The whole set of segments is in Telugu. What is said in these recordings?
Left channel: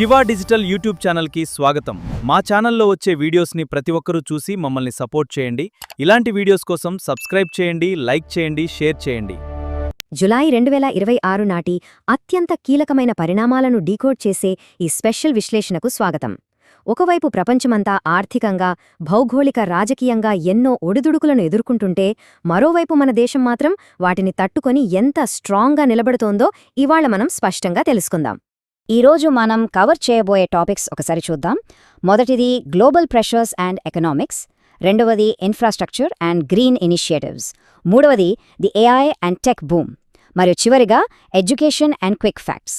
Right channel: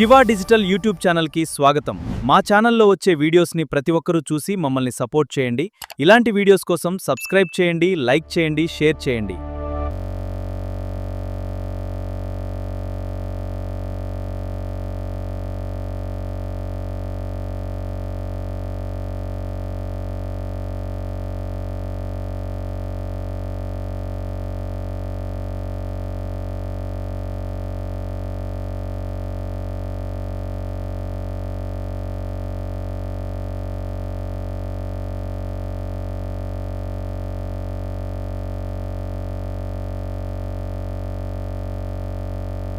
శివ డిజిటల్ యూట్యూబ్ ఛానల్కి స్వాగతం. మా ఛానల్లో వచ్చే వీడియోస్ని ప్రతి ఒక్కరూ చూసి మమ్మల్ని సపోర్ట్ చేయండి. ఇలాంటి వీడియోస్ కోసం సబ్స్క్రైబ్ చేయండి, లైక్ చేయండి, షేర్ చేయండి. జులై 2026 నాటి అత్యంత కీలకమైన పరిణామాలను డీకోడ్ చేసే ఈ స్పెషల్ విశ్లేషణకు స్వాగతం. ఒకవైపు ప్రపంచమంతా ఆర్థికంగా, భౌగోళిక, రాజకీయంగా ఎన్నో ఒడిదుడుకులను ఎదుర్కొంటుంటే, మరోవైపు మన దేశం మాత్రం వాటిని తట్టుకొని ఎంత స్ట్రాంగ్గా నిలబడుతోందో ఇవాళ మనం స్పష్టంగా తెలుసుకుందాం. ఈరోజు మనం కవర్ చేయబోయే టాపిక్స్ ఒకసారి చూద్దాం. మొదటిది గ్లోబల్ ప్రెషర్స్ అండ్ ఎకనామిక్స్, రెండవది ఇన్ఫ్రాస్ట్రక్చర్ అండ్ గ్రీన్ ఇనిషియేటివ్స్, మూడవది the AI and tech boom, మరియు చివరిగా ఎడ్యుకేషన్ అండ్ క్విక్ ఫ్యాక్ట్స్.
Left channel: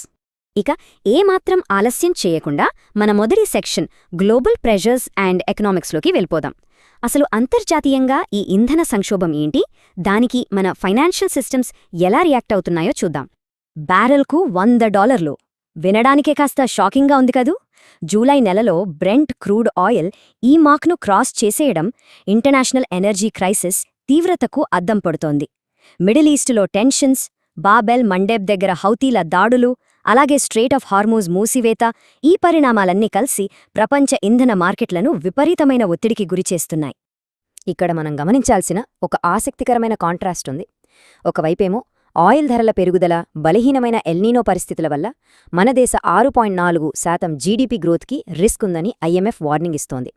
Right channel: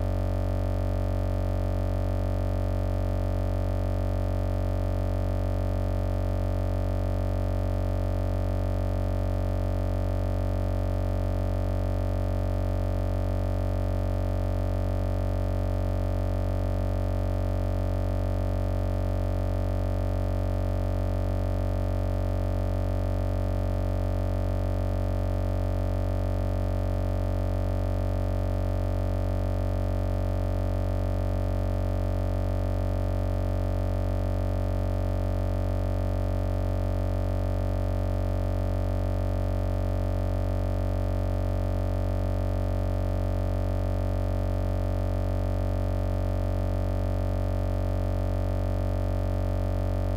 ఇక ఏమాత్రం ఆలస్యం చేయకుండా మన మొదటి సెక్షన్ గ్లోబల్ ప్రెషర్స్ అండ్ ఎకనామిక్స్లోకి వెళ్ళిపోదాం. అసలు అంతర్జాతీయంగా ఈ ఇంధన సంక్షోభం ఏంటి, దానికి మన ఫైనాన్షియల్ సిస్టమ్స్ ఎలా రియాక్ట్ అవుతున్నాయో చూద్దాం. బ్యారెల్కు $100 వినడానికే కాస్త షాకింగ్గా ఉంది కదూ. జూలై నెలలో బ్రెంట్ క్రూడ్ ఆయిల్ ఈ మార్క్ను క్రాస్ చేసేయడం ఇంటర్నేషనల్ ఎనర్జీ క్రైసిస్ తీవ్రతకు అద్దం పడుతోంది. మిడిల్ ఈస్టులో టెన్షన్స్, బాబెల్ మండేబ్ దగ్గర హౌతీల దాడులు, అలాగే స్ట్రెయిట్ ఆఫ్ హార్మూజ్ మూసివేత, ఈ పరిణామాలన్నీ కలిసి ప్రపంచ ఇంధన మార్కెట్లను విపరీతమైన ఒత్తిడికి గురిచేస్తున్నాయి. ఇక్కడ మనం గమనించాల్సిన ఒక ఆసక్తికరమైన కాంట్రాస్ట్ ఉంది. ఒకవైపేమో ఆయిల్ ధరల పెరుగుదల, బలహీనమైన ఎల్నీనో పరిస్థితుల వల్ల మన దేశ 6.4% జీడీపీ గ్రోత్కి రిస్క్ ఉందని IMF వార్నింగ్ ఇస్తోంది.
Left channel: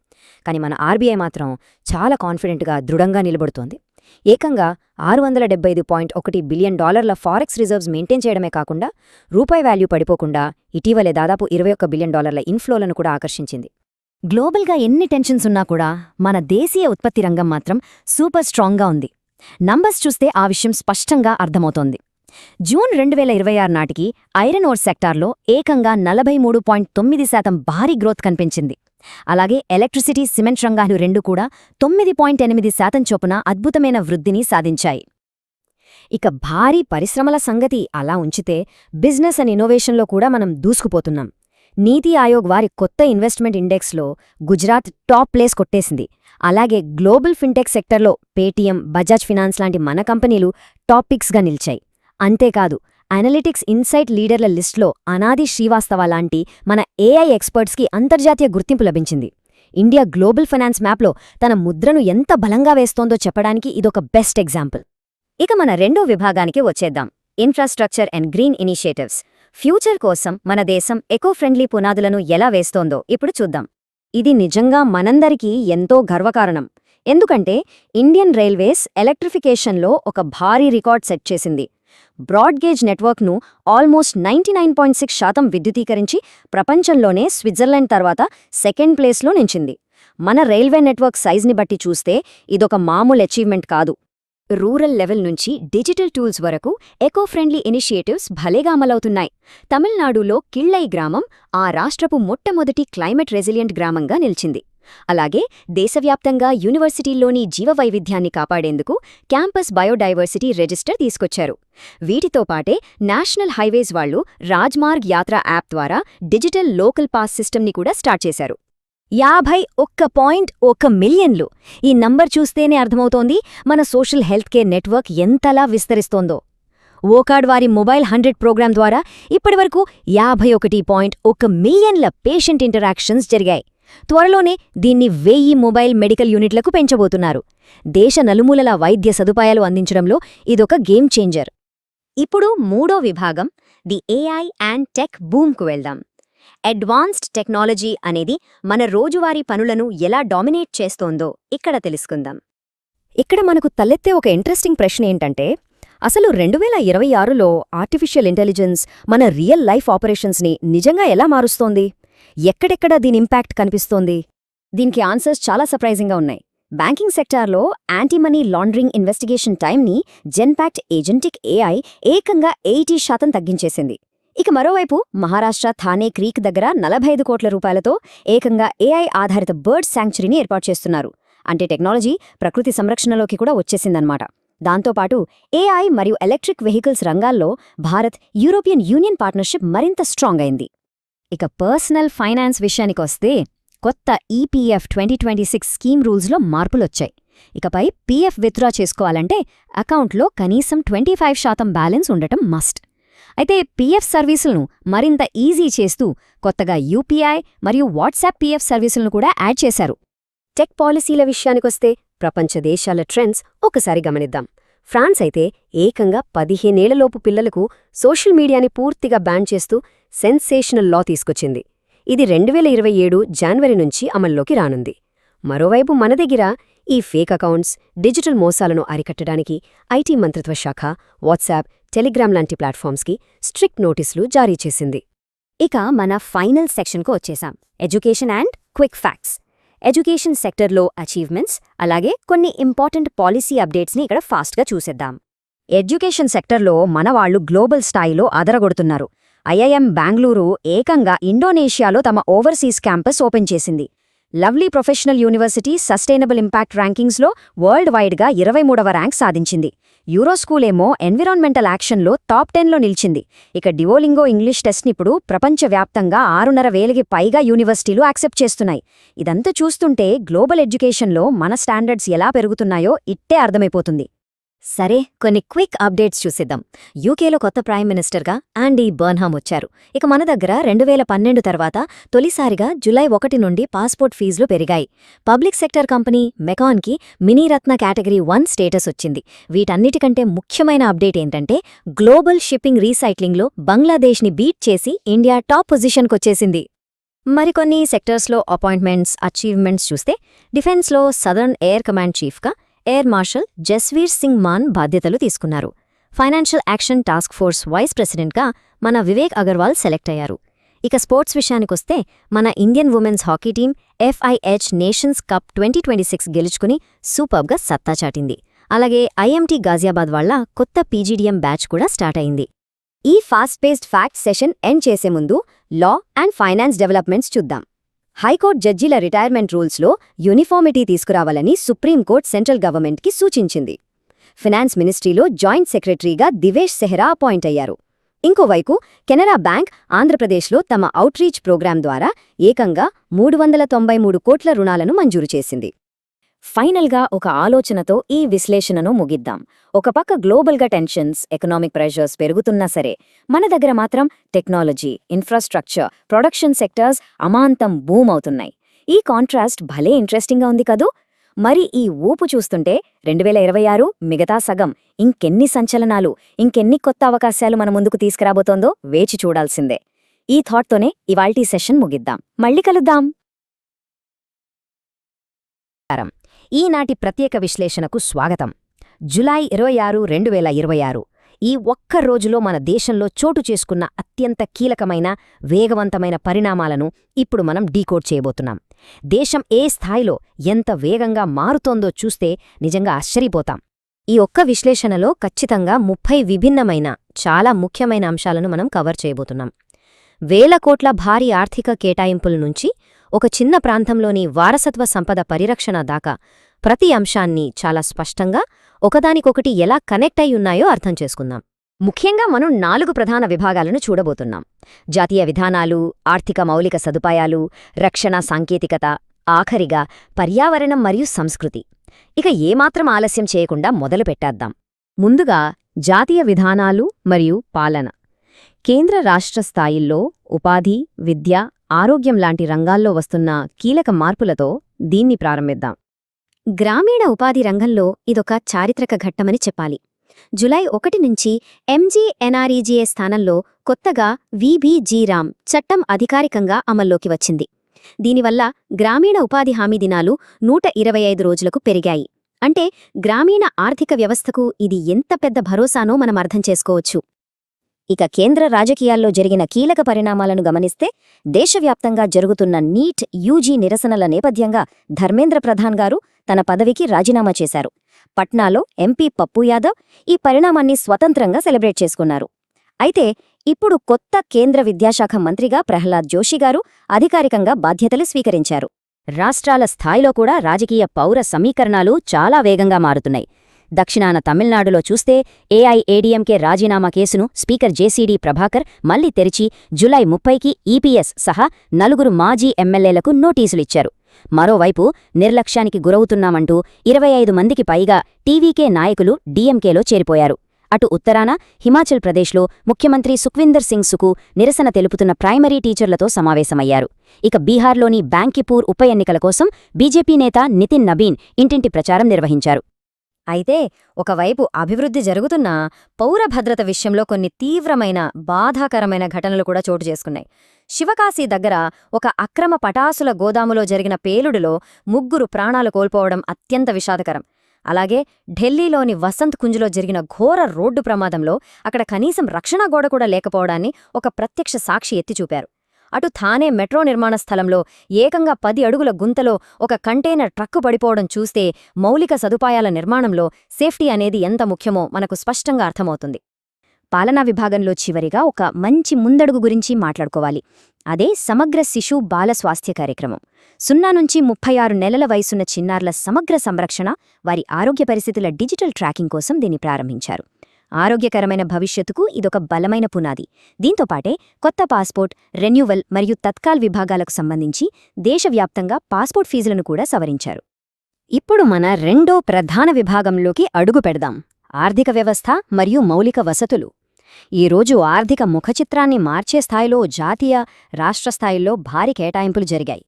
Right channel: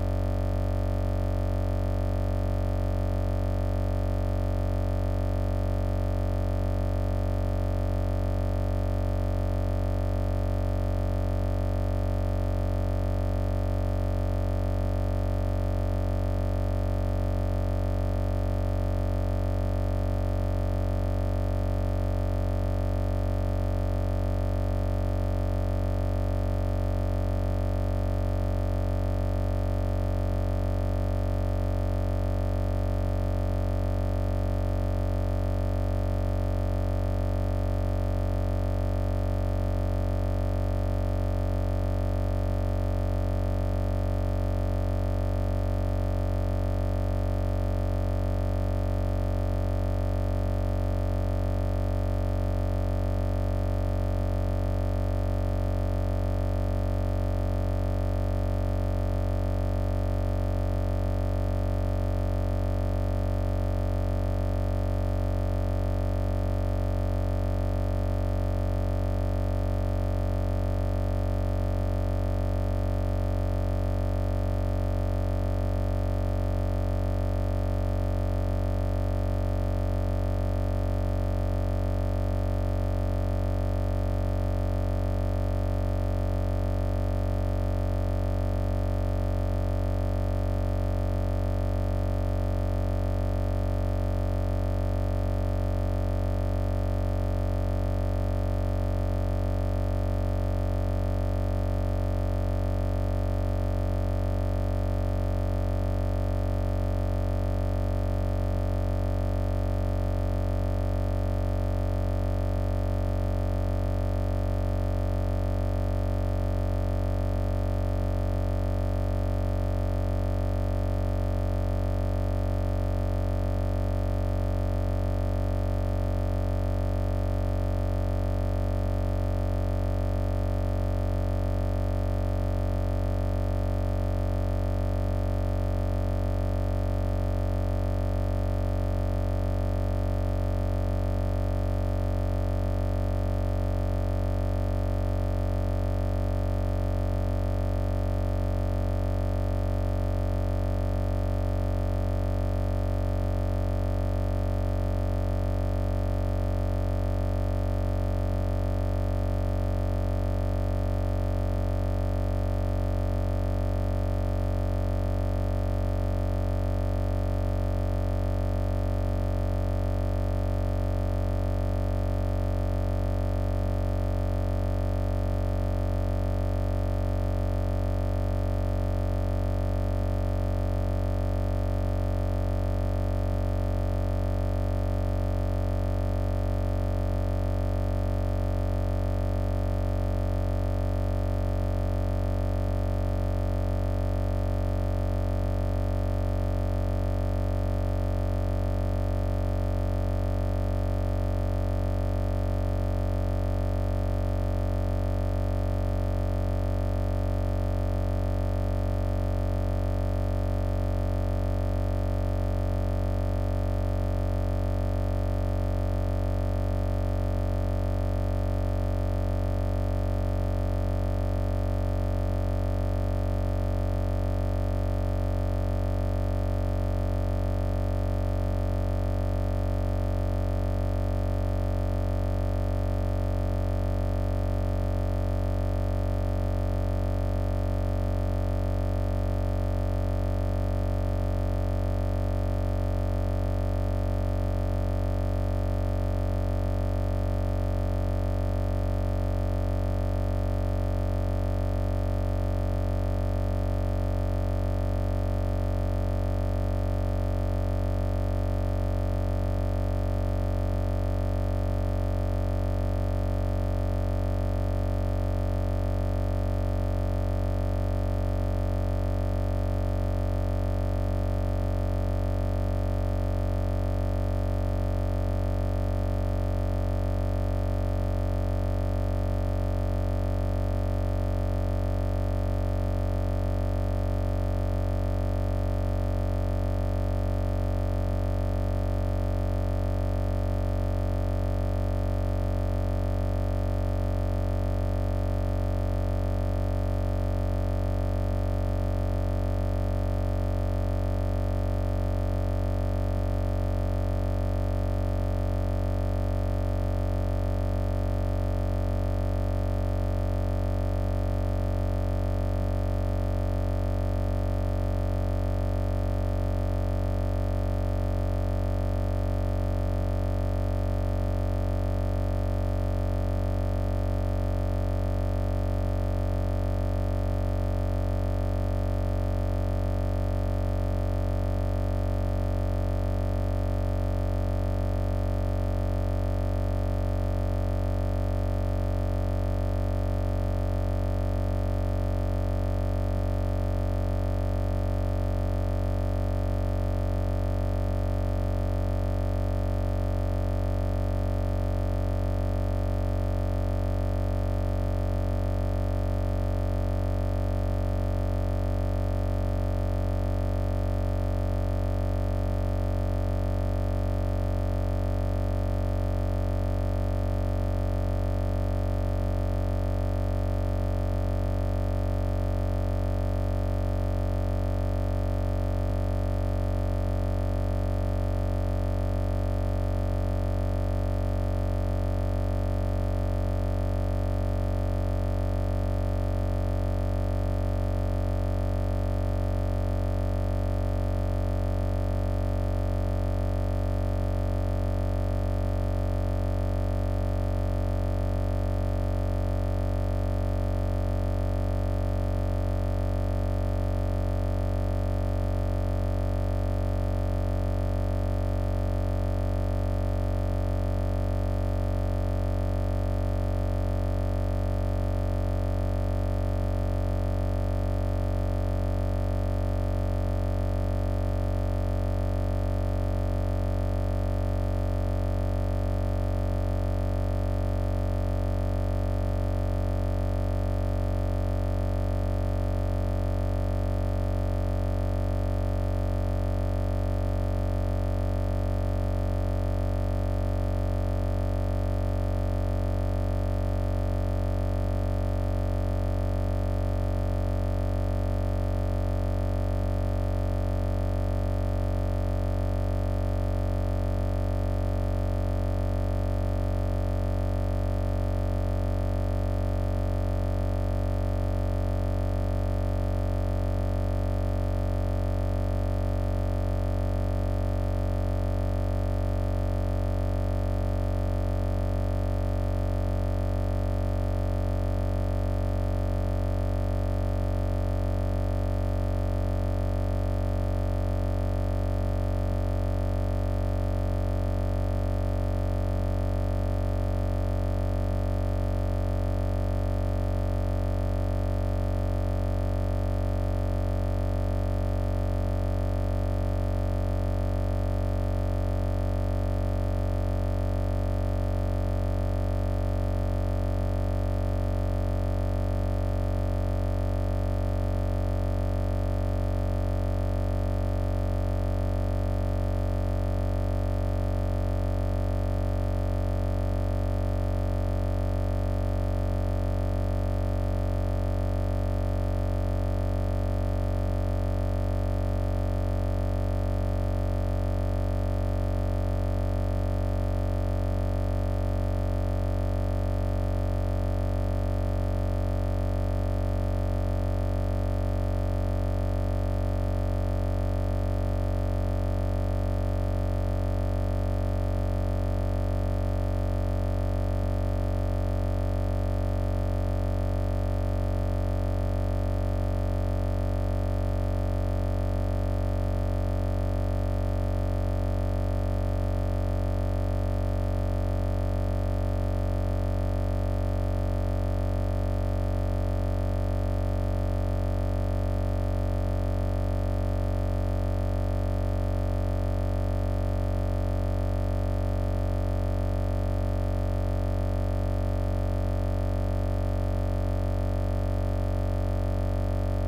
కానీ మన RBI మాత్రం చాలా కాన్ఫిడెంట్గా, దృఢంగా నిలబడుతోంది. ఏకంగా $675.1 బిలియన్ ఫారెక్స్ రిజర్వ్స్ మెయింటైన్ చేయడమే కాకుండా రూపాయి వాల్యూ పడిపోకుండా ఇటీవలే దాదాపు $21 బిలియన్ ఇన్ఫ్లోలను కూడా ఆకర్షించింది. గ్లోబల్గా ఎన్ని టెన్షన్స్ ఉన్నా కూడా మన దేశీయ ఉత్పత్తి రంగం మాత్రం సూపర్ స్ట్రాంగ్గా ఉంది. నంబర్స్ చూస్తే ఆ విషయం స్పష్టంగా అర్థమవుతోంది. జూన్ 2026 నాటికి ఐరన్ ఓర్ సెక్టార్లో ఏకంగా 43.9% భారీ గ్రోత్ కనిపించింది. అలాగే ఎలక్ట్రిసిటీ, సిమెంట్ రంగాలు రెండు కూడా 9.8% చొప్పున అద్భుతమైన వృద్ధిని సాధించాయి. ఇక భారీ పరిశ్రమల సంగతి అలా ఉంచితే బిజినెస్ అండ్ ఇన్నోవేషన్లో కూడా మనం దూసుకుపోతున్నాం. నీతి ఆయోగ్ వారి కొత్త ఇన్వెస్ట్మెంట్ ఇండెక్స్లో గుజరాత్ టాప్ ప్లేస్ కొట్టేసింది. అలాగే గ్లోబల్ ఫిన్టెక్ సెక్టర్లో పేటీఎం, బజాజ్ ఫినాన్స్ లాంటి మన కంపెనీలు టాప్ పిక్స్గా నిలిచాయి. అంతేకాదు, అనలిటిక్స్ ఇన్సైట్ లీడర్ల లిస్టులో అనాది శ్రీవాస్తవ లాంటి మన AI ఎక్స్పర్ట్స్కి అంతర్జాతీయ గుర్తింపు లభించింది. ఇండియా గ్లోబల్ ఫైనాన్స్ మ్యాప్లో తన ముద్రను ఎంత బలంగా వేస్తోందో చెప్పడానికి ఇదొక బెస్ట్ ఎగ్జాంపుల్. ఇక మన రెండో విభాగానికి వచ్చేద్దాం, infrastructure and green initiatives. Future కోసం మన దేశం ఎకో ఫ్రెండ్లీ పునాదులను ఎలా వేస్తోందో ఇప్పుడు చూద్దాం. ఇది నిజంగా మనందరికీ ఎంతో గర్వకారణం. ఎందుకంటే ఇండియన్ రైల్వేస్ ఎలక్ట్రిఫికేషన్లో ఒక భారీ రికార్డ్ సెట్ చేసింది. బ్రాడ్ గేజ్ నెట్వర్క్ను ఆల్మోస్ట్ 99.6% విద్యుతీకరించి ప్రపంచంలోనే స్విట్జర్లాండ్ తర్వాత సెకండ్ ప్లేస్లో నిలిచింది. మన రైల్వే నెట్వర్క్ సైజ్ని బట్టి చూస్తే ఇదొక మామూలు అచీవ్మెంట్ కాదు. రూరల్ లెవెల్ నుంచి డిజిటల్ టూల్స్ వరకు ఎకో ఫ్రెండ్లీ ఇనిషియేటివ్స్ భలేగా అమలవుతున్నాయి. తమిళనాడులో కిళ్ళై గ్రామం ఆ రాష్ట్రపు మొట్టమొదటి క్లైమేట్ రెసిలియంట్ గ్రామంగా నిలిచింది. అలాగే దేశవ్యాప్తంగా యూనివర్సిటీల్లోని జీవవైవిధ్యాన్ని కాపాడేందుకు క్యాంపస్ బయోడైవర్సిటీ రిజిస్టర్ తీసుకొచ్చారు. వీటితో పాటే నేషనల్ హైవేస్ వాళ్లు రాజ్మార్గ్ యాత్ర యాప్ ద్వారా డిజిటల్ లోకల్ పాస్ సిస్టమ్ని కూడా స్టార్ట్ చేశారు. 51.1 మిలియన్లు. ఈ నంబర్ చూస్తేనే అర్థమవుతోంది మన సోషల్ హెల్త్ కేర్ నెట్వర్క్ ఎంతలా విస్తరిస్తోందో. ఓకార్డ్ వారి మొబైల్ 100 ప్రోగ్రాం ద్వారా ఇప్పటివరకు 51.1 మిలియన్ల పేషెంట్ ఇంటరాక్షన్స్ జరిగాయి. త్వరలోనే దీన్ని 1000 మొబైల్ మెడికల్ యూనిట్లకు పెంచబోతున్నారు. దేశ నలుమూలల వైద్య సదుపాయాలు అందించడంలో ఇదొక గేమ్ చేంజర్. ఇప్పుడు మూడో విభాగం, ది AI అండ్ టెక్ బూమ్కు వెళ్దాం. అడ్వాన్స్డ్ టెక్నాలజీ అనేది మన రోజువారీ పనులను ఎలా డామినేట్ చేస్తోందో ఇక్కడ తెలుసుకుందాం. ఇక్కడ మనకు తలెత్తే ఒక ఇంట్రెస్టింగ్ ప్రశ్న ఏంటంటే, అసలు 2026లో ఆర్టిఫిషియల్ ఇంటెలిజెన్స్ మన రియల్ లైఫ్ ఆపరేషన్స్ని నిజంగా ఎలా మారుస్తోంది? ఎక్కడెక్కడ దీని ఇంపాక్ట్ కనిపిస్తోంది? దీనికి ఆన్సర్స్ చాలా సర్ప్రైజింగ్గా ఉన్నాయి. బ్యాంకింగ్ సెక్టార్లో యాంటీ మనీ లాండరింగ్ ఇన్వెస్టిగేషన్ టైంని జెన్పాక్ట్ ఏజెంటిక్ AI ఏకంగా 80% తగ్గించేసింది. ఇక మరోవైపు మహారాష్ట్ర థానే క్రీక్ దగ్గర 45 కోట్ల రూపాయలతో ఏకంగా AI ఆధారిత బర్డ్ శాంక్చురీని ఏర్పాటు చేస్తున్నారు. అంటే టెక్నాలజీ ప్రకృతి సంరక్షణలోకి కూడా వచ్చేసిందన్నమాట. దాంతోపాటు AI మరియు ఎలక్ట్రిక్ వెహికల్స్ రంగాల్లో భారత్, యూరోపియన్ యూనియన్ పార్ట్నర్షిప్ మరింత స్ట్రాంగ్ అయింది. ఇక పర్సనల్ ఫైనాన్స్ విషయానికి వస్తే కొత్త EPF 2026 స్కీమ్ రూల్స్లో మార్పులొచ్చాయి. ఇకపై PF విత్డ్రా చేసుకోవాలంటే అకౌంట్లో కనీసం 25% బ్యాలెన్స్ ఉండటం మస్ట్. అయితే PF సర్వీసులను మరింత ఈజీ చేస్తూ కొత్తగా యూపీఐ మరియు వాట్సాప్ పిఎఫ్ సర్వీసులను కూడా యాడ్ చేశారు. టెక్ పాలసీల విషయానికొస్తే ప్రపంచ దేశాల ట్రెండ్స్ ఒకసారి గమనిద్దాం. ఫ్రాన్స్ అయితే ఏకంగా 15 ఏళ్లలోపు పిల్లలకు సోషల్ మీడియాని పూర్తిగా బ్యాన్ చేస్తూ సెన్సేషనల్ లా తీసుకొచ్చింది. ఇది 2027 జనవరి నుంచి అమల్లోకి రానుంది. మరోవైపు మన దగ్గర ఈ ఫేక్ అకౌంట్స్, డిజిటల్ మోసాలను అరికట్టడానికి ఐటీ మంత్రిత్వ శాఖ వాట్సాప్, టెలిగ్రామ్ లాంటి ప్లాట్ఫామ్స్కి స్ట్రిక్ట్ నోటీసులు జారీ చేసింది. ఇక మన ఫైనల్ సెక్షన్కు వచ్చేసాం, education and quick facts. Education సెక్టర్లో అచీవ్మెంట్స్, అలాగే కొన్ని ఇంపార్టెంట్ పాలసీ అప్డేట్స్ని ఇక్కడ ఫాస్ట్గా చూసేద్దాం. ఎడ్యుకేషన్ సెక్టర్లో మన వాళ్ళు గ్లోబల్ స్థాయిలో అదరగొడుతున్నారు. ఐఐఎం బెంగళూరు ఏకంగా ఇండోనేషియాలో తమ ఓవర్సీస్ క్యాంపస్ ఓపెన్ చేసింది. Lovely professional university sustainable impact ర్యాంకింగ్స్లో వరల్డ్ వైడ్గా 23వ ర్యాంక్ సాధించింది. యూరోస్కూల్ ఏమో ఎన్విరాన్మెంటల్ యాక్షన్లో టాప్ 10లో నిలిచింది. ఇక డివోలింగో ఇంగ్లీష్ టెస్ట్ని ఇప్పుడు ప్రపంచవ్యాప్తంగా 6,500కి పైగా యూనివర్సిటీలు యాక్సెప్ట్ చేస్తున్నాయి. ఇదంతా చూస్తుంటే గ్లోబల్ ఎడ్యుకేషన్లో మన స్టాండర్డ్స్ ఎలా పెరుగుతున్నాయో ఇట్టే అర్థమైపోతుంది. సరే, కొన్ని క్విక్ అప్డేట్స్ చూసిద్దాం. యూకేలో కొత్త ప్రైమ్ మినిస్టర్గా ఆండీ బర్న్హామ్ వచ్చారు. ఇక మన దగ్గర 2012 తర్వాత తొలిసారిగా జూలై 1 నుండి పాస్పోర్ట్ ఫీజులు పెరిగాయి. పబ్లిక్ సెక్టర్ కంపెనీ మెకాన్కి మినీరత్న కేటగిరీ 1 స్టేటస్ వచ్చింది. వీటన్నిటికంటే ముఖ్యమైన అప్డేట్ ఏంటంటే గ్లోబల్ షిప్పింగ్ రీసైక్లింగ్లో బంగ్లాదేశ్ని బీట్ చేసి ఇండియా టాప్ పొజిషన్కొచ్చేసింది. మరికొన్ని సెక్టర్స్లో అపాయింట్మెంట్స్, అచీవ్మెంట్స్ చూస్తే డిఫెన్స్లో సదర్న్ ఎయిర్ కమాండ్ చీఫ్గా ఎయిర్ మార్షల్ జస్వీర్ సింగ్ మాన్ బాధ్యతలు తీసుకున్నారు. Financial action task force vice ప్రెసిడెంట్గా మన వివేక్ అగర్వాల్ సెలెక్ట్ అయ్యారు. ఇక స్పోర్ట్స్ విషయానికొస్తే మన Indian women's hockey team FIH nations cup 2026 గెలుచుకుని సూపర్గా సత్తా చాటింది. అలాగే IMT గాజియాబాద్ వాళ్ళ కొత్త PGDM బ్యాచ్ కూడా స్టార్ట్ అయింది. ఈ fast paced fact session end చేసే ముందు లా అండ్ ఫైనాన్స్ డెవలప్మెంట్స్ చూద్దాం. హైకోర్టు జడ్జీల రిటైర్మెంట్ రూల్స్లో యూనిఫార్మిటీ తీసుకురావాలని సుప్రీంకోర్టు సెంట్రల్ గవర్నమెంట్కి సూచించింది. ఫినాన్స్ మినిస్ట్రీలో జాయింట్ సెక్రటరీగా దివేష్ సెహ్రా అపాయింట్ అయ్యారు. ఇంకోవైపు కెనరా బ్యాంక్ ఆంధ్రప్రదేశ్లో తమ అవుట్రీచ్ ప్రోగ్రాం ద్వారా ఏకంగా 393 కోట్ల రుణాలను మంజూరు చేసింది. ఫైనల్గా ఒక ఆలోచనతో ఈ విశ్లేషణను ముగిద్దాం. ఒక పక్క గ్లోబల్గా టెన్షన్స్, ఎకనామిక్ ప్రెషర్స్ పెరుగుతున్నా సరే మన దగ్గర మాత్రం టెక్నాలజీ, ఇన్ఫ్రాస్ట్రక్చర్, ప్రొడక్షన్ సెక్టర్స్ అమాంతం బూమ్ అవుతున్నాయి. ఈ కాంట్రాస్ట్ భలే ఇంట్రెస్టింగ్గా ఉంది కదూ. మరి ఈ ఊపు చూస్తుంటే 2026 మిగతా సగం ఇంకెన్ని సంచలనాలు, ఇంకెన్ని కొత్త అవకాశాలు మన ముందుకు తీసుకురాబోతోందో వేచి చూడాల్సిందే. ఈ థాట్తోనే ఇవాల్టి సెషన్ ముగిద్దాం. మళ్ళీ కలుద్దాం. ఈనాటి ప్రత్యేక విశ్లేషణకు స్వాగతం. జూలై 26, 2026 ఈ ఒక్క రోజులో మన దేశంలో చోటు చేసుకున్న అత్యంత కీలకమైన, వేగవంతమైన పరిణామాలను ఇప్పుడు మనం డీకోడ్ చేయబోతున్నాం. దేశం ఏ స్థాయిలో ఎంత వేగంగా మారుతోందో చూస్తే నిజంగా ఆశ్చర్యపోతాం. ఈ ఒక్క విశ్లేషణలో ఖచ్చితంగా 30 విభిన్నమైన, చాలా ముఖ్యమైన అంశాలను మనం కవర్ చేయబోతున్నాం. వేల కోట్ల భారీ ఆర్థిక కేటాయింపుల నుంచి ఒక చిన్న ప్రాంతంలోని వారసత్వ సంపద పరిరక్షణ దాకా ప్రతి అంశాన్ని చాలా స్పష్టంగా ఒకదానికొకటి ఎలా కనెక్ట్ అయి ఉన్నాయో అర్థం చేసుకుందాం. ముఖ్యంగా మనం 4 ప్రధాన విభాగాలను చూడబోతున్నాం. జాతీయ విధానాలు, ఆర్థిక మౌలిక సదుపాయాలు, రక్షణ సాంకేతికత, ఆఖరిగా పర్యావరణం మరియు సంస్కృతి. ఇక ఏమాత్రం ఆలస్యం చేయకుండా మొదలు పెట్టేద్దాం. ముందుగా జాతీయ విధానాలు మరియు పాలన. కేంద్ర రాష్ట్ర స్థాయిల్లో ఉపాధి, విద్య, ఆరోగ్యం లాంటి రంగాల్లో వస్తున్న కీలక మార్పులతో దీన్ని ప్రారంభిద్దాం. గ్రామీణ ఉపాధి రంగంలో ఇదొక చారిత్రక ఘట్టమని చెప్పాలి. జూలై 1 నుంచి MGNREGA స్థానంలో కొత్తగా VBG-RAM చట్టం అధికారికంగా అమల్లోకి వచ్చింది. దీనివల్ల గ్రామీణ ఉపాధి హామీ దినాలు 125 రోజులకు పెరిగాయి. అంటే గ్రామీణ ఆర్థిక వ్యవస్థకు ఇది ఎంత పెద్ద భరోసానో మనం అర్థం చేసుకోవచ్చు. ఇక కేంద్ర రాజకీయాల్లో జరిగిన కీలక పరిణామాలను గమనిస్తే దేశవ్యాప్తంగా జరుగుతున్న నీట్ UG నిరసనల నేపథ్యంగా ధర్మేంద్ర ప్రధాన్ గారు తన పదవికి రాజీనామా చేశారు. పట్నాలో MP పప్పు యాదవ్ ఈ పరిణామాన్ని స్వతంత్రంగా సెలబ్రేట్ చేసుకున్నారు. అయితే ఇప్పుడు కొత్త కేంద్ర విద్యాశాఖ మంత్రిగా ప్రహ్లాద్ జోషి గారు అధికారికంగా బాధ్యతలు స్వీకరించారు. రాష్ట్రాల స్థాయిలో కూడా రాజకీయ పౌర సమీకరణాలు చాలా వేగంగా మారుతున్నాయి. దక్షిణాన తమిళనాడులో చూస్తే AIADMK రాజీనామా కేసును స్పీకర్ JCD ప్రభాకర్ మళ్లీ తెరిచి జూలై 30కి EPS సహా 4 మాజీ ఎమ్మెల్యేలకు నోటీసులిచ్చారు. మరోవైపు నిర్లక్ష్యానికి గురవుతున్నామంటూ 25 మందికి పైగా TVK నాయకులు DMKలో చేరిపోయారు. అటు ఉత్తరాన హిమాచల్ ప్రదేశ్లో ముఖ్యమంత్రి సుఖ్వీందర్ సింగ్ సుకు నిరసన తెలుపుతున్న ప్రైమరీ టీచర్లతో సమావేశమయ్యారు. ఇక బీహార్లోని బ్యాంకిపూర్ ఉప ఎన్నికల కోసం బీజేపీ నేత నితిన్ నబీన్ ఇంటింటి ప్రచారం నిర్వహించారు. అయితే ఒకవైపు అభివృద్ధి జరుగుతున్నా పౌర భద్రత విషయంలో కొన్ని తీవ్రమైన బాధాకరమైన ఘటనలు కూడా చోటు చేసుకున్నాయి. శివకాశి దగ్గర ఒక అక్రమ పటాసుల గోదాములో జరిగిన పేలుడులో 3 ప్రాణాలు కోల్పోవడం అత్యంత విషాదకరం. అలాగే ఢిల్లీలోని వసంత్ కుంజ్లో జరిగిన ఘోర రోడ్డు ప్రమాదంలో అక్కడ కనీసం రక్షణ గోడ కూడా లేకపోవడాన్ని ఒక ప్రత్యక్ష సాక్షి ఎత్తిచూపారు. అటు థానే మెట్రో నిర్మాణ స్థలంలో ఏకంగా 10 అడుగుల గుంతలో ఒక కంటైనర్ ట్రక్కు పడిపోవడం చూస్తే మౌలిక సదుపాయాల నిర్మాణంలో సేఫ్టీ అనేది ఎంత ముఖ్యమో మనకు స్పష్టంగా అర్థమవుతుంది. పాలనా విభాగంలో చివరిగా ఒక మంచి ముందడుగు గురించి మాట్లాడుకోవాలి. అదే సమగ్ర శిశు బాల స్వాస్థ్య కార్యక్రమం. 0 నుంచి 36 నెలల వయసున్న చిన్నారుల సమగ్ర సంరక్షణ, వారి ఆరోగ్య పరిస్థితుల డిజిటల్ ట్రాకింగ్ కోసం దీన్ని ప్రారంభించారు. ఆరోగ్యకరమైన భవిష్యత్తుకు ఇదొక బలమైన పునాది. దీంతోపాటే కొత్త పాస్పోర్ట్, రెన్యువల్ మరియు తత్కాల్ విభాగాలకు సంబంధించి దేశవ్యాప్తంగా పాస్పోర్ట్ ఫీజులను కూడా సవరించారు. ఇప్పుడు మన రెండో ప్రధాన విభాగంలోకి అడుగు పెడదాం: ఆర్థిక వ్యవస్థ మరియు మౌలిక వసతులు. ఈరోజు ఆర్థిక ముఖచిత్రాన్ని మార్చే స్థాయిలో జాతీయ, రాష్ట్ర స్థాయిల్లో భారీ కేటాయింపులు జరిగాయి.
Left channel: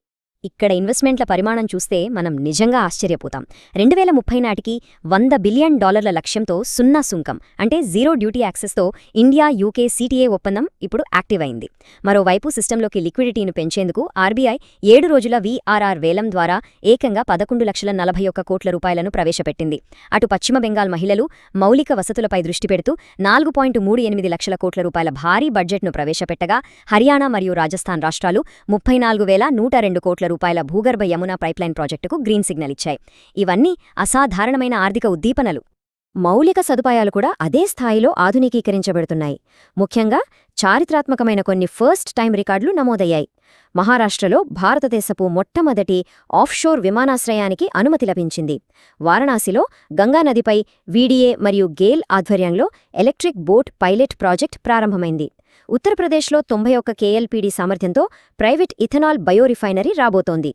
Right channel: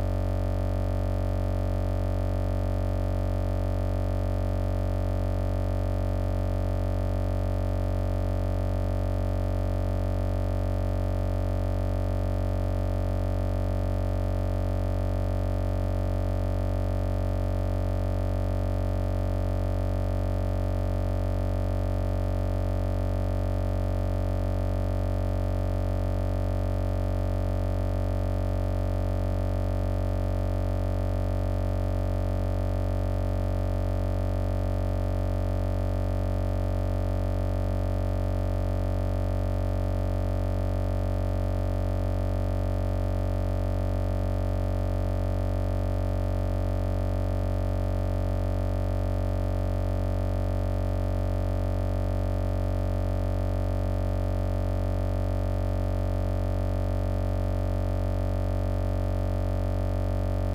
ఇక్కడ ఇన్వెస్ట్మెంట్ల పరిమాణం చూస్తే మనం నిజంగా ఆశ్చర్యపోతాం. 2030 నాటికి $100 బిలియన్ లక్ష్యంతో 0 సుంకం అంటే జీరో డ్యూటీ యాక్సెస్తో ఇండియా యూకే సిటిఏ ఒప్పందం ఇప్పుడు యాక్టివ్ అయింది. మరోవైపు సిస్టంలోకి లిక్విడిటీని పెంచేందుకు ఆర్బీఐ 7 రోజుల వీఆర్ఆర్ వేలం ద్వారా ఏకంగా 11,41 కోట్ల రూపాయలను ప్రవేశపెట్టింది. అటు పశ్చిమ బెంగాల్ మహిళలు మౌలిక వసతులపై దృష్టి పెడుతూ 4.38 లక్షల కోట్ల రూపాయల భారీ బడ్జెట్ను ప్రవేశపెట్టగా, హర్యానా మరియు రాజస్థాన్ రాష్ట్రాలు 34,102 కోట్ల రూపాయల భూగర్భ యమునా పైప్లైన్ ప్రాజెక్టుకు గ్రీన్ సిగ్నల్ ఇచ్చాయి. ఇవన్నీ అసాధారణమైన ఆర్థిక ఉద్దీపనలు. మౌలిక సదుపాయాలు కూడా అదే స్థాయిలో ఆధునికీకరించబడుతున్నాయి. ముఖ్యంగా చారిత్రాత్మకమైన కొన్ని ఫస్ట్ టైం రికార్డులు నమోదయ్యాయి. మహారాష్ట్రలో భారతదేశపు మొట్టమొదటి ఆఫ్షోర్ విమానాశ్రయానికి అనుమతి లభించింది. వారణాసిలో గంగానదిపై వీడీఏ మరియు గేల్ ఆధ్వర్యంలో ఎలక్ట్రిక్ బోట్ పైలట్ ప్రాజెక్ట్ ప్రారంభమైంది. ఉత్తరప్రదేశ్లో 91 కేఎల్పీడీ సామర్థ్యంతో ప్రైవేట్ ఇథనాల్ బయో రిఫైనరీ రాబోతోంది.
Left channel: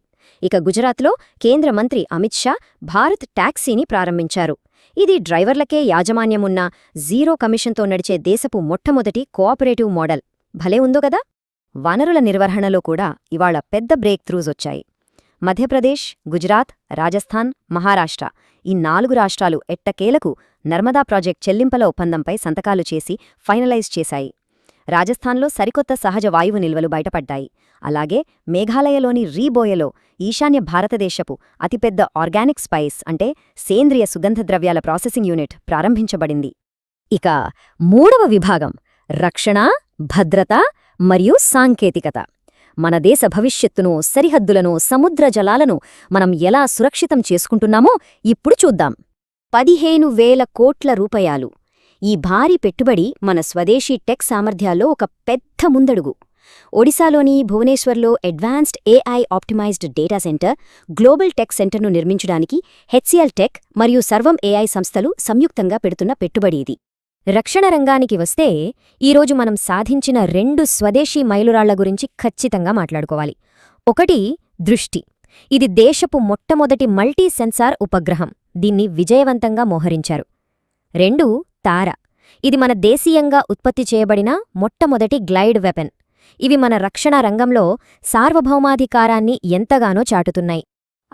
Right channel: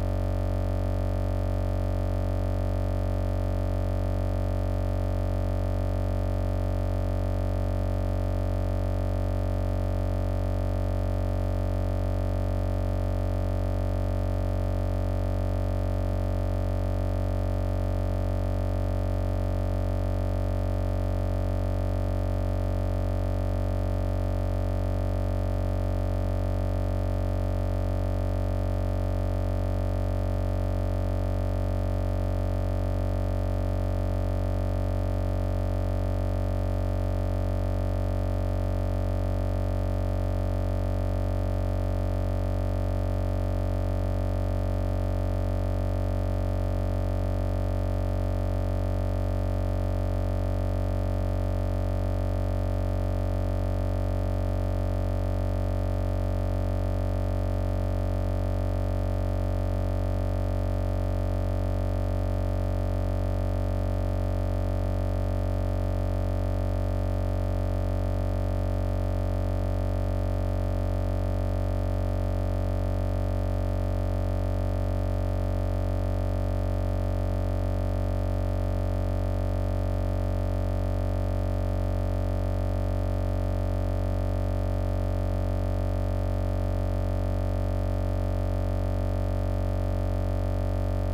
ఇక గుజరాత్లో కేంద్ర మంత్రి అమిత్ షా భారత్ టాక్సీని ప్రారంభించారు. ఇది డ్రైవర్లకే యాజమాన్యమున్న జీరో కమిషన్తో నడిచే దేశపు మొట్టమొదటి కోఆపరేటివ్ మోడల్. భలే ఉందో కదా. వనరుల నిర్వహణలో కూడా ఇవాళ పెద్ద బ్రేక్ త్రూస్ వచ్చాయి. మధ్యప్రదేశ్, గుజరాత్, రాజస్థాన్, మహారాష్ట్ర ఈ 4 రాష్ట్రాలు ఎట్టకేలకు నర్మదా ప్రాజెక్ట్ చెల్లింపుల ఒప్పందంపై సంతకాలు చేసి ఫైనలైజ్ చేశాయి. రాజస్థాన్లో సరికొత్త సహజ వాయువు నిల్వలు బయటపడ్డాయి. అలాగే మేఘాలయలోని రీబోయలో ఈశాన్య భారతదేశపు అతిపెద్ద ఆర్గానిక్ స్పైస్ అంటే సేంద్రియ సుగంధ ద్రవ్యాల ప్రాసెసింగ్ యూనిట్ ప్రారంభించబడింది. ఇక 3వ విభాగం రక్షణ, భద్రత మరియు సాంకేతికత. మన దేశ భవిష్యత్తును, సరిహద్దులను, సముద్ర జలాలను మనం ఎలా సురక్షితం చేసుకుంటున్నామో ఇప్పుడు చూద్దాం. 15,000 కోట్ల రూపాయలు. ఈ భారీ పెట్టుబడి మన స్వదేశీ టెక్ సామర్థ్యాల్లో ఒక పెద్ద ముందడుగు. ఒడిశాలోని భువనేశ్వర్లో advanced AI optimised data centre, global tech సెంటర్ను నిర్మించడానికి హెచ్సిఎల్ టెక్ మరియు సర్వం ఏఐ సంస్థలు సంయుక్తంగా పెడుతున్న పెట్టుబడి ఇది. రక్షణ రంగానికి వస్తే ఈరోజు మనం సాధించిన 2 స్వదేశీ మైలురాళ్ల గురించి ఖచ్చితంగా మాట్లాడుకోవాలి. ఒకటి దృష్టి. ఇది దేశపు మొట్టమొదటి మల్టీ సెన్సార్ ఉపగ్రహం. దీన్ని విజయవంతంగా మోహరించారు. 2 తార. ఇది మన దేశీయంగా ఉత్పత్తి చేయబడిన మొట్టమొదటి గ్లైడ్ వెపన్. ఇవి మన రక్షణ రంగంలో సార్వభౌమాధికారాన్ని ఎంతగానో చాటుతున్నాయి.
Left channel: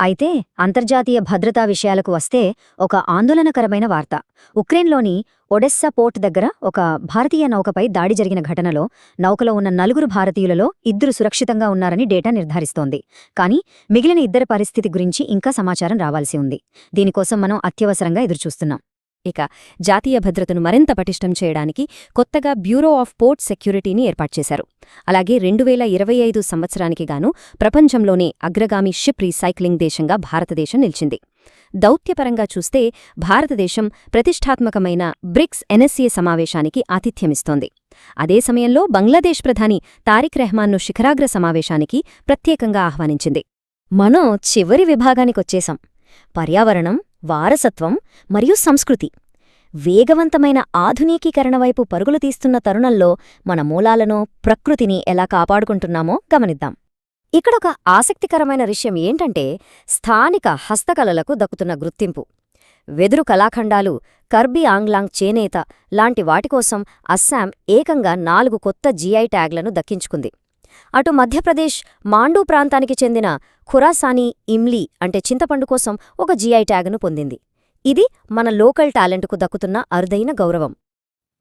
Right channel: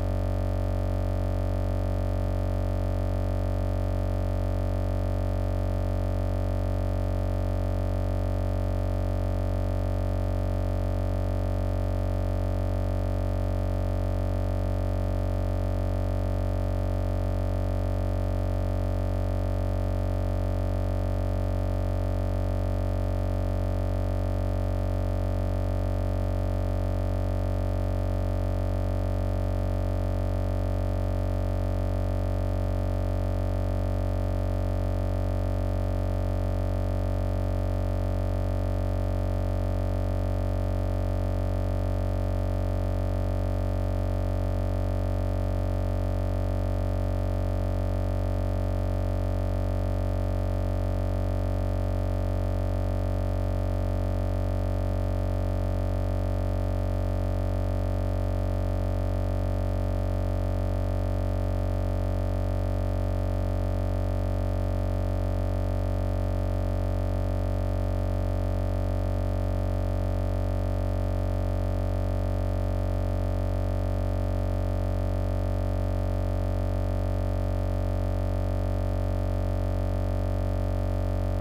అయితే అంతర్జాతీయ భద్రతా విషయాలకు వస్తే ఒక ఆందోళనకరమైన వార్త. ఉక్రెయిన్లోని ఒడెస్సా పోర్ట్ దగ్గర ఒక భారతీయ నౌకపై దాడి జరిగిన ఘటనలో నౌకలో ఉన్న 4 భారతీయులలో 2 సురక్షితంగా ఉన్నారని డేటా నిర్ధారిస్తోంది. కానీ మిగిలిన 2 పరిస్థితి గురించి ఇంకా సమాచారం రావాల్సి ఉంది. దీనికోసం మనం అత్యవసరంగా ఎదురుచూస్తున్నాం. ఇక జాతీయ భద్రతను మరింత పటిష్టం చేయడానికి కొత్తగా బ్యూరో ఆఫ్ పోర్ట్ సెక్యూరిటీని ఏర్పాటు చేశారు. అలాగే 2025 సంవత్సరానికి గాను ప్రపంచంలోనే అగ్రగామి షిప్ రీసైక్లింగ్ దేశంగా భారతదేశం నిలిచింది. దౌత్యపరంగా చూస్తే భారతదేశం ప్రతిష్టాత్మకమైన బ్రిక్స్ ఎన్ఎస్సీ సమావేశానికి ఆతిథ్యమిస్తోంది. అదే సమయంలో బంగ్లాదేశ్ ప్రధాని తారిక్ రెహమాన్ను శిఖరాగ్ర సమావేశానికి ప్రత్యేకంగా ఆహ్వానించింది. మనం చివరి విభాగానికొచ్చేశాం. పర్యావరణం, వారసత్వం మరియు సంస్కృతి. వేగవంతమైన ఆధునికీకరణ వైపు పరుగులు తీస్తున్న తరుణంలో మన మూలాలను, ప్రకృతిని ఎలా కాపాడుకుంటున్నామో గమనిద్దాం. ఇక్కడొక ఆసక్తికరమైన విషయం ఏంటంటే స్థానిక హస్తకళలకు దక్కుతున్న గుర్తింపు. వెదురు కళాఖండాలు, కర్బీ ఆంగ్లాంగ్ చేనేత, లాంటి వాటి కోసం అస్సాం ఏకంగా 4 కొత్త జీఐ ట్యాగ్లను దక్కించుకుంది. అటు మధ్యప్రదేశ్ మాండూ ప్రాంతానికి చెందిన ఖురాసానీ ఇమ్లీ అంటే చింతపండు కోసం ఒక జీఐ ట్యాగ్ను పొందింది. ఇది మన లోకల్ టాలెంట్కు దక్కుతున్న అరుదైన గౌరవం.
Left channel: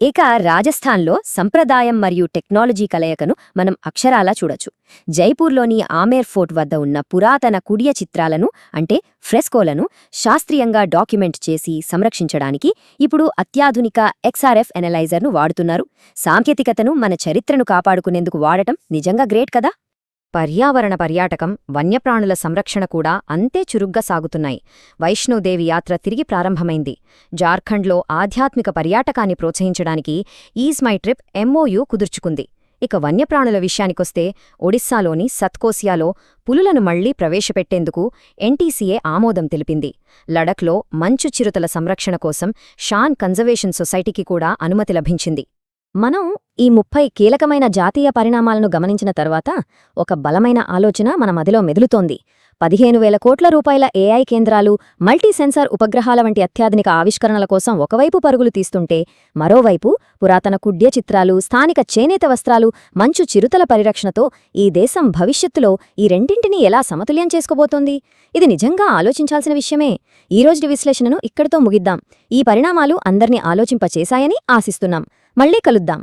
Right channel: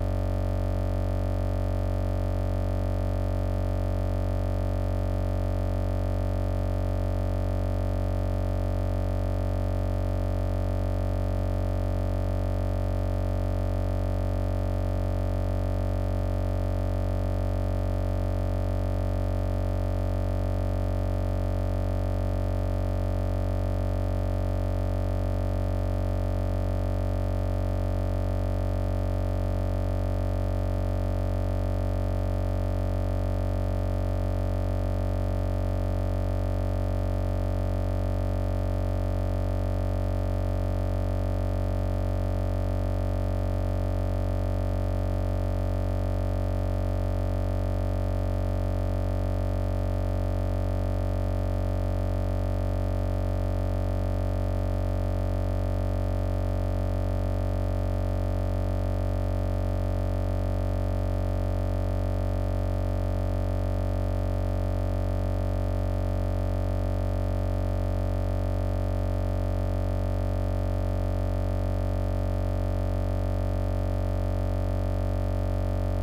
ఇక రాజస్థాన్లో సంప్రదాయం మరియు టెక్నాలజీ కలయికను మనం అక్షరాలా చూడొచ్చు. జైపూర్లోని ఆమేర్ ఫోర్ట్ వద్ద ఉన్న పురాతన కుడియ చిత్రాలను అంటే ఫ్రెస్కోలను శాస్త్రీయంగా డాక్యుమెంట్ చేసి సంరక్షించడానికి ఇప్పుడు అత్యాధునిక XRF ఎనలైజర్ను వాడుతున్నారు. సాంకేతికతను మన చరిత్రను కాపాడుకునేందుకు వాడటం నిజంగా గ్రేట్ కదా. పర్యావరణ పర్యాటకం, వన్యప్రాణుల సంరక్షణ కూడా అంతే చురుగ్గా సాగుతున్నాయి. వైష్ణోదేవి యాత్ర తిరిగి ప్రారంభమైంది. జార్ఖండ్లో ఆధ్యాత్మిక పర్యాటకాన్ని ప్రోత్సహించడానికి ఈజ్ మై ట్రిప్ MOU కుదుర్చుకుంది. ఇక వన్యప్రాణుల విషయానికొస్తే ఒడిస్సాలోని సత్కోసియాలో పులులను మళ్లీ ప్రవేశపెట్టేందుకు NTCA ఆమోదం తెలిపింది. లడఖ్లో మంచు చిరుతల సంరక్షణ కోసం షాన్ కన్జర్వేషన్ సొసైటీకి కూడా అనుమతి లభించింది. మనం ఈ 30 కీలకమైన జాతీయ పరిణామాలను గమనించిన తర్వాత ఒక బలమైన ఆలోచన మన మదిలో మెదులుతోంది. 15,000 కోట్ల రూపాయల AI కేంద్రాలు, మల్టీ సెన్సార్ ఉపగ్రహాల వంటి అత్యాధునిక ఆవిష్కరణల కోసం ఒకవైపు పరుగులు తీస్తుంటే, మరోవైపు పురాతన కుడ్య చిత్రాలు, స్థానిక చేనేత వస్త్రాలు, మంచు చిరుతల పరిరక్షణతో ఈ దేశం భవిష్యత్తులో ఈ రెండింటినీ ఎలా సమతుల్యం చేసుకోబోతోంది? ఇది నిజంగా ఆలోచించాల్సిన విషయమే. ఈ రోజు విశ్లేషణను ఇక్కడితో ముగిద్దాం. ఈ పరిణామాలు అందర్నీ ఆలోచింపచేశాయని ఆశిస్తున్నాం. మళ్ళీ కలుద్దాం.